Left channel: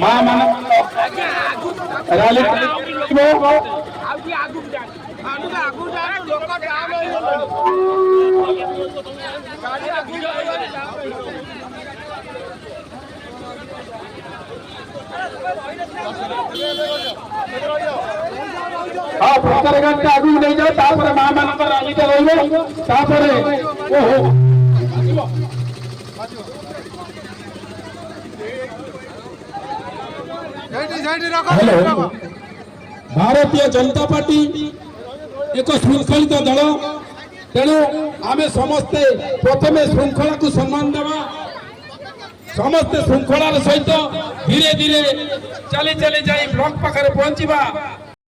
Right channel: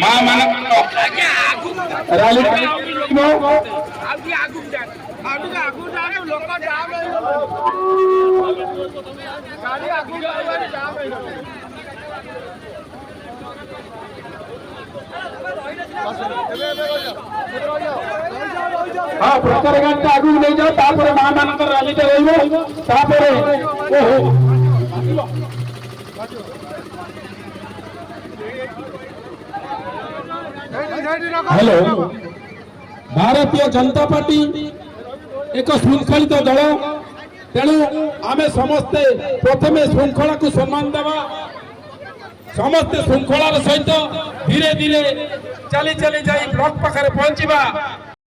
मां मन रैली हाँ प्रचार घंटे आगू नहीं जाओ तापर मां मान रैली रही तापर हेलो भारतीय जनता पार्टी एक श्रृंखलित दल तेणु आम समस्ते प्रथम श्रृंखला को सम्मान देवा समस्ते श्रृंखलार सहित धीरे धीरे चली चली जाई ब्लॉक पाखरे पहुंचीबा।